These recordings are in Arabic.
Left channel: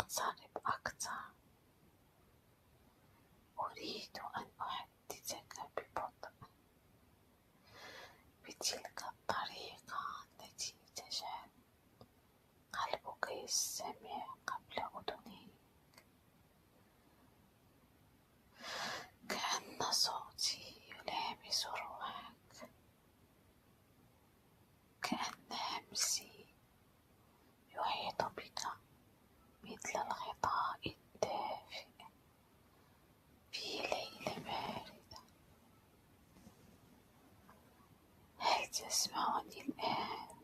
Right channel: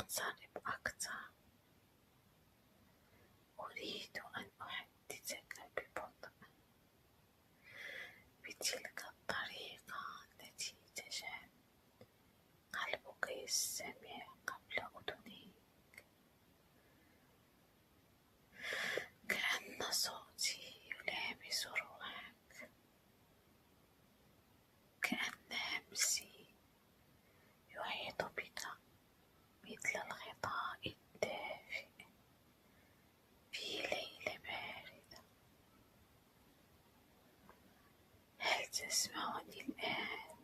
اقترب أكثر. أريد أن أحدثك ببطء بتلك الطريقة التي تجعل قلبك يستمع قبل أذنيك، كأن صوتي يلامس روحك، كأن همسي يحيط بك مثل الغطاء الدافئ في ليلة باردة. هل تسمعني الآن؟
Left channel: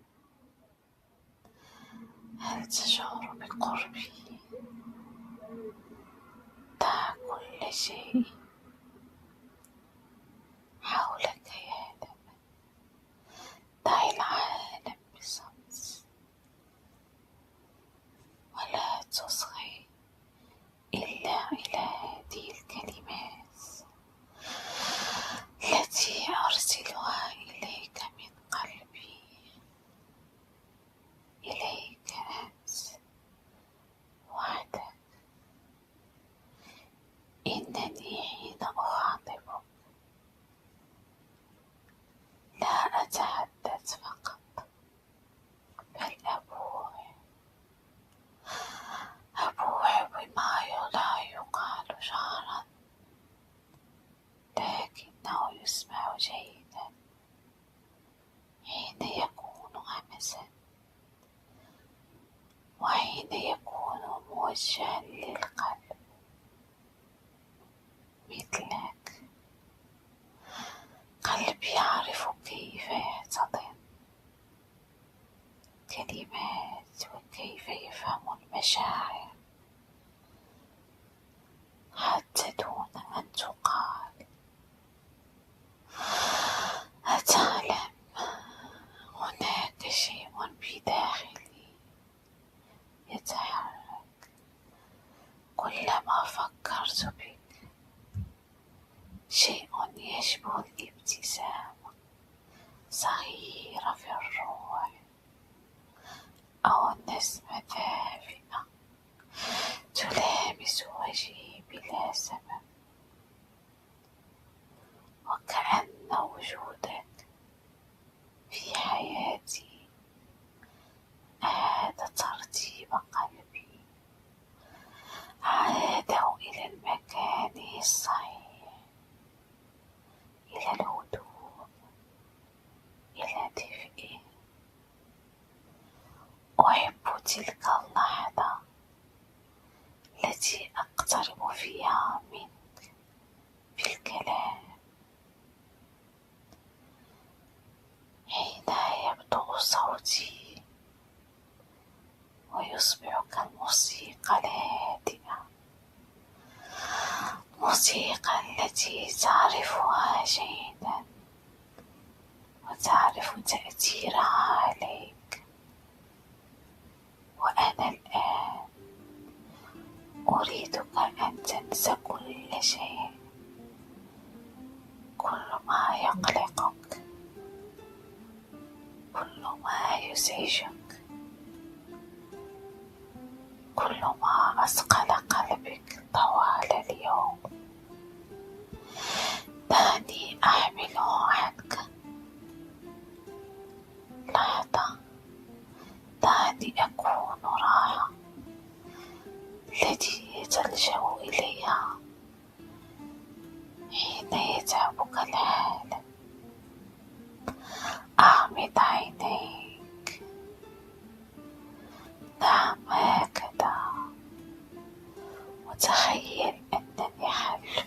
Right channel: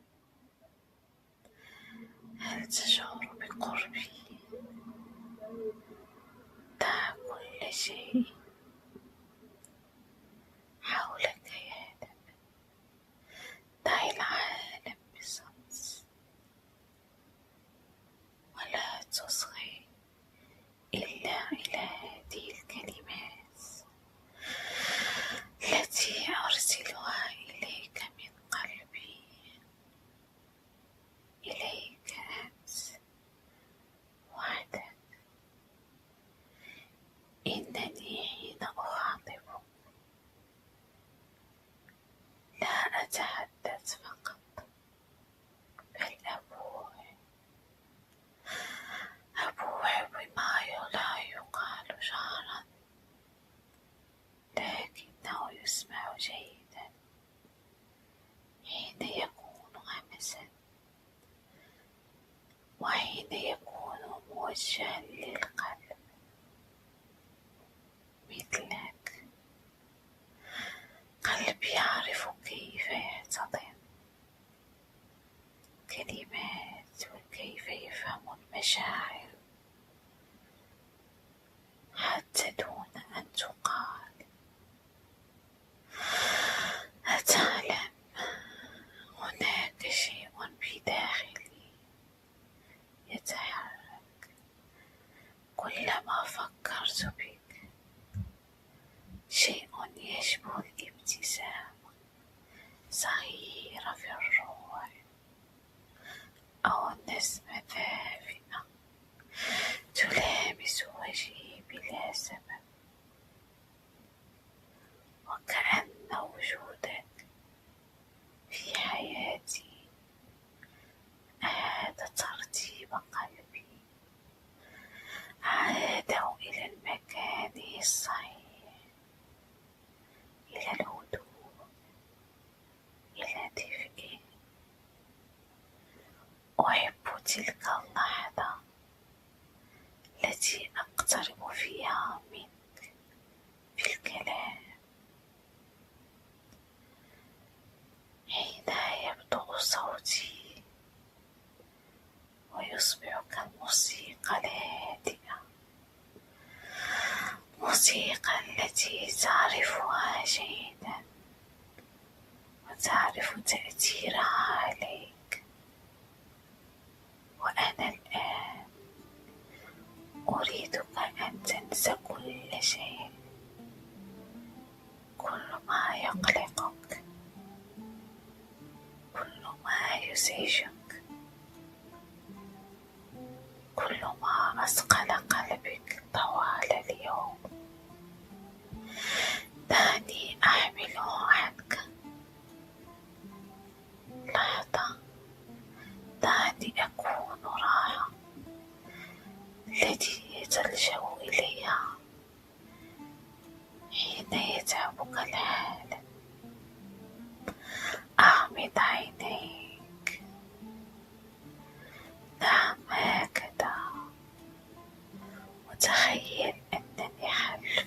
هل تشعر بقربي؟ دع كل شيء حولك يهدأ، دع العالم بصمت، ولا تصغي إلا إلى هذه الكلمات التي أرسلها إليك من قلبي، إليك أنت وحدك. إنني حين أخاطبك لا أتحدث فقط، بل أبوح بما لا يقال جهرا، لكنه يسمع جيدا حين يكون همسا، وحين يكون موجها للقلب مثلك. قلبي يعرف كيف يحتضن كلمات وكيف يفهم المشاعر حتى دون أن تقال. أتعلم هناك شيء بداخلي يتحرك كلما فكرت بك، شيء يشبه الابتسامة صغيرة في الروح، أو النسمة دافئة تلامس وجهي بلا سبب، وكأن وجودك في حياتي أعاد ترتيب قلبي، عاده إلى المكان الصحيح، إلى الهدوء، إلى دفئه. أحب تلك اللحظة التي أقترب فيها منك بالكلام، حين يبدأ صوتي ويصبح كالموسيقى الهادئة، موسيقى التي تعرفها جيدا وتعرف تأثيرها عليك. وأنا الآن أريدك أن تنسى كل شيء، كل ما يقلقك، كل ما يزعجك، كل ما أثقل قلبك طوال اليوم. دعني أحمله عنك لحظة، دعني أكون راحة التي تلجأ إليها حين يتعبك الحال. أغمض عينيك، نعم هكذا، وتخيل أنني خلف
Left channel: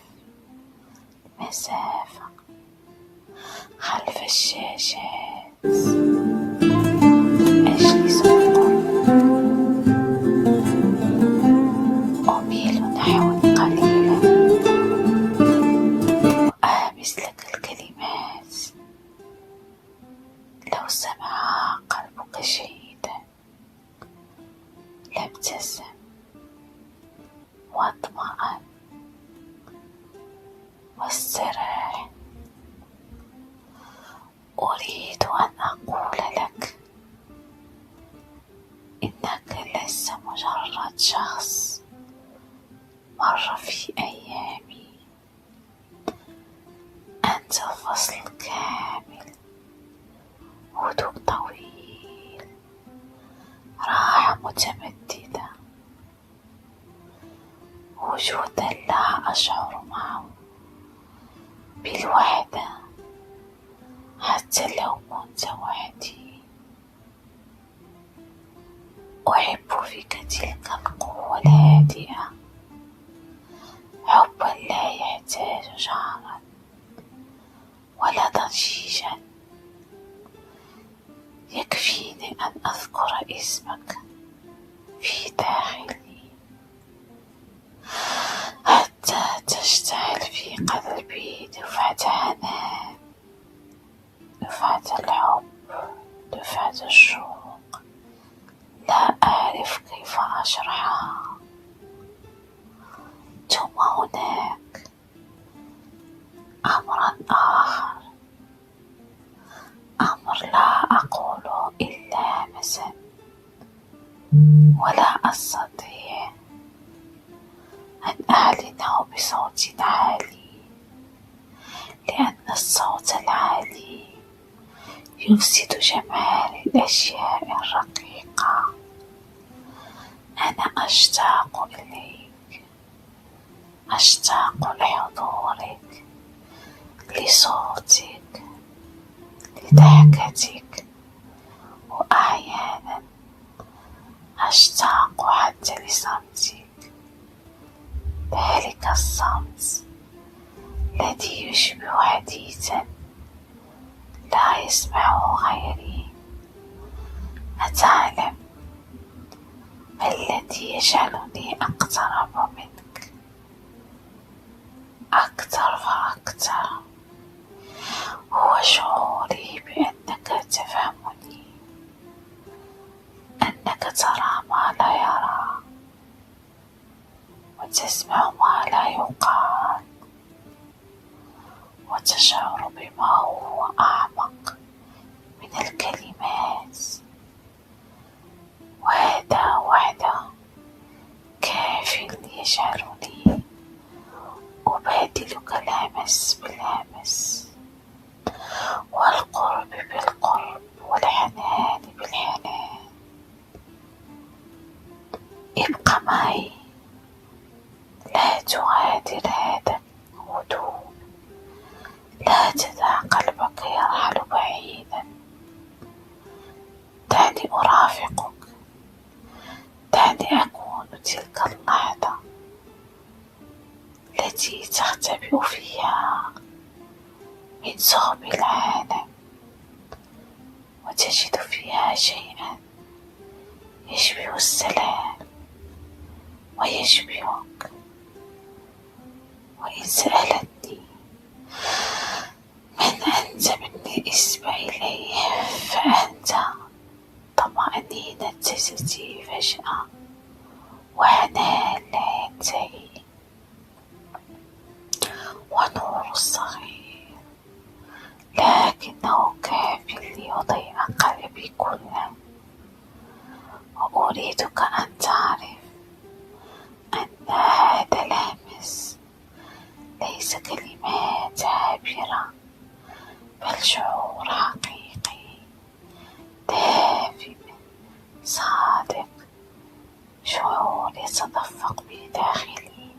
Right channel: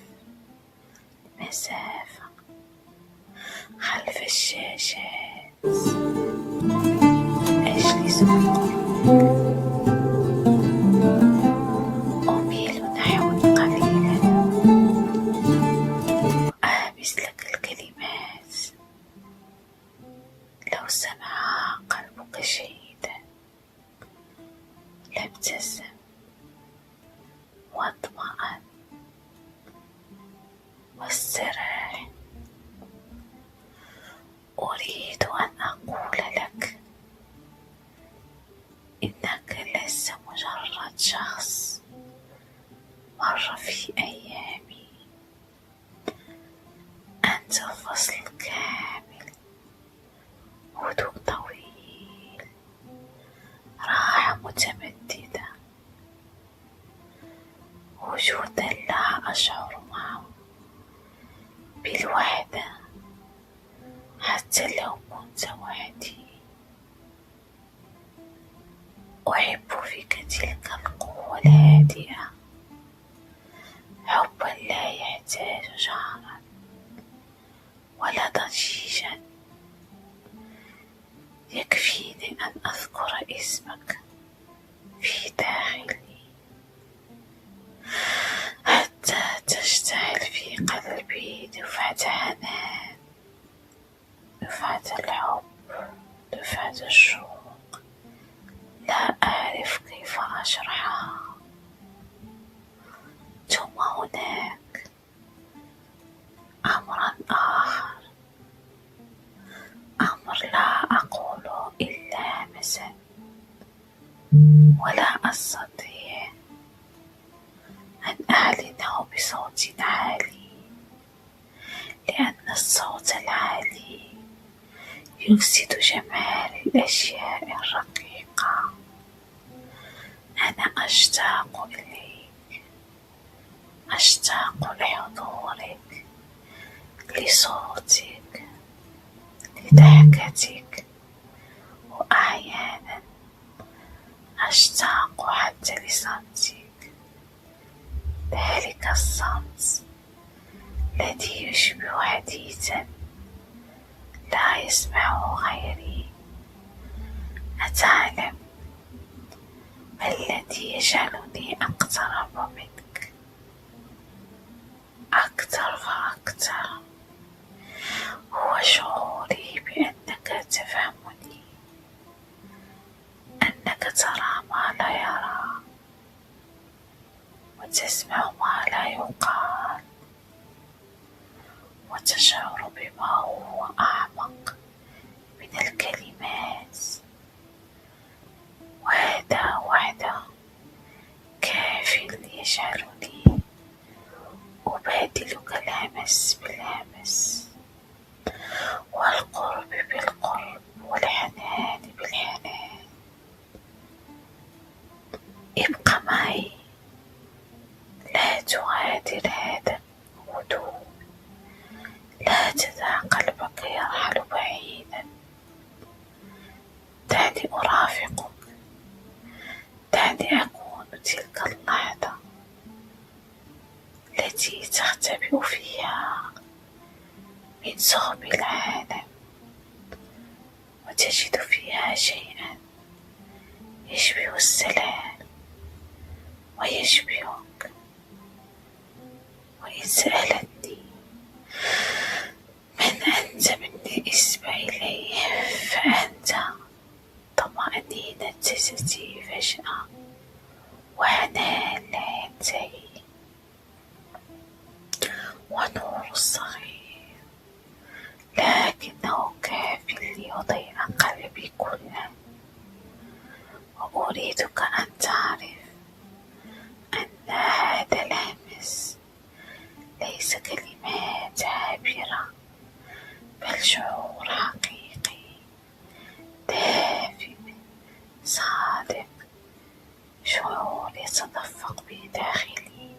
المسافة، خلف الشاشات، أجلس بقربك، أميل نحوا قليلا وآمس لك الكلمات. لو سمعها قلبك جيدا لابتسم واطمأن واستراح. أريد أن أقول لك إنك ليس مجرد شخص مر في أيامي، أنت فصل كامل، هدوء طويل، راحة متمددة، وجودا لا أشعر معه بالوحدة حتى لو كنت وحدي. أحب فيك تلك القوة الهادئة، حبا لا يحتاج جهرا ولا ضجيجا، يكفيني أن أذكر اسمك في داخلي حتى تشتعل في قلبي دفعة حنان، دفعة الحب، دفعة الشوق لا أعرف كيف أشرحها. ثم هناك أمر آخر، أمر لا أقوله إلا همسا، ولا أستطيع أن أعلنه بصوت عالي، لأن الصوت العالي يفسد جمال الأشياء الرقيقة. أنا أشتاق إليك، أشتاق لحضورك، لصوتك، لضحكتك، وأحيانا أشتاق حتى لصمتك، ذلك الصمت الذي يشبه حديثا لا يسمعه غيري. أتعلم ما الذي يجعلني أقترب منك أكثر فأكثر؟ هو شعوري بأنك تفهمني، أنك ترى ما لا يرى، وتسمع ما لا يقال، وتشعر بما هو أعمق من الكلمات. وهذا وحده كاف ليجعلني أبادلك الهمس بالهمس، والقرب بالقرب، والحنان بالحنان. ابق معي، لا تغادر هذا الهدوء، لا تدع قلبك يرحل بعيدا. دعني أرافقك، دعني أكون تلك اللحظة التي تختبئ فيها من ثقب العالم، وتجد فيها شيئا يشبه السلام ويشبهك. وإن سألتني من أنت بالنسبة إليه، فأنت طمأنينة جسدي فجأة، وحنان لا ينتهي، ونور الصغير لكنه كاف ليضيء قلبي كله. وأريدك أن تعرف أن هذا الهمس ليس كلمات عابرة، بل شعور حقيقي دافئ صادق، شعور يتدفق بداخلي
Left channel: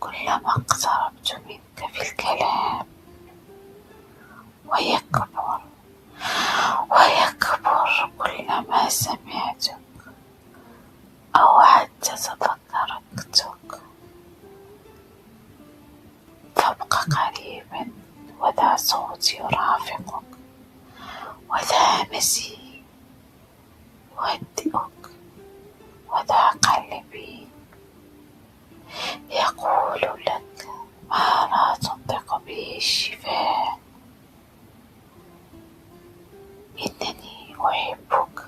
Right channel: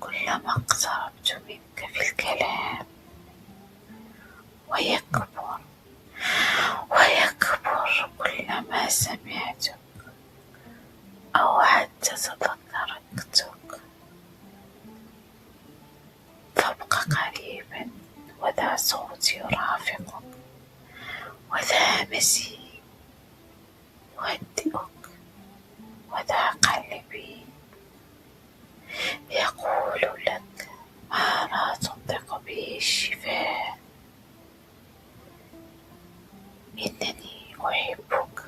كلما اقتربت منك في الكلام، ويكبر ويكبر كلما سمعتك أو حتى تذكرتك. فابق قريبا، وذا صوتي يرافقك، وذا همسي يهدئك، وذا قلبي يقول لك ما لا تنطق به الشفاه. إنني أحبك،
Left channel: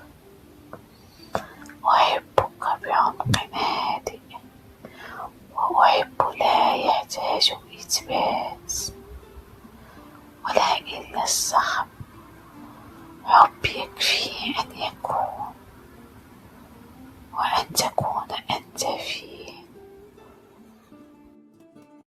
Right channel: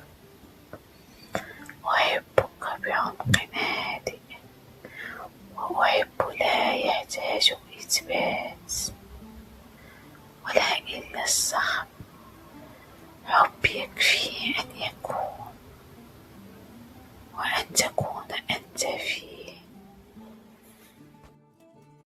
أحبك بعمق هادئ، وأحب لا يحتاج إثبات ولا إلا الصخب. حب يكفي أن يكون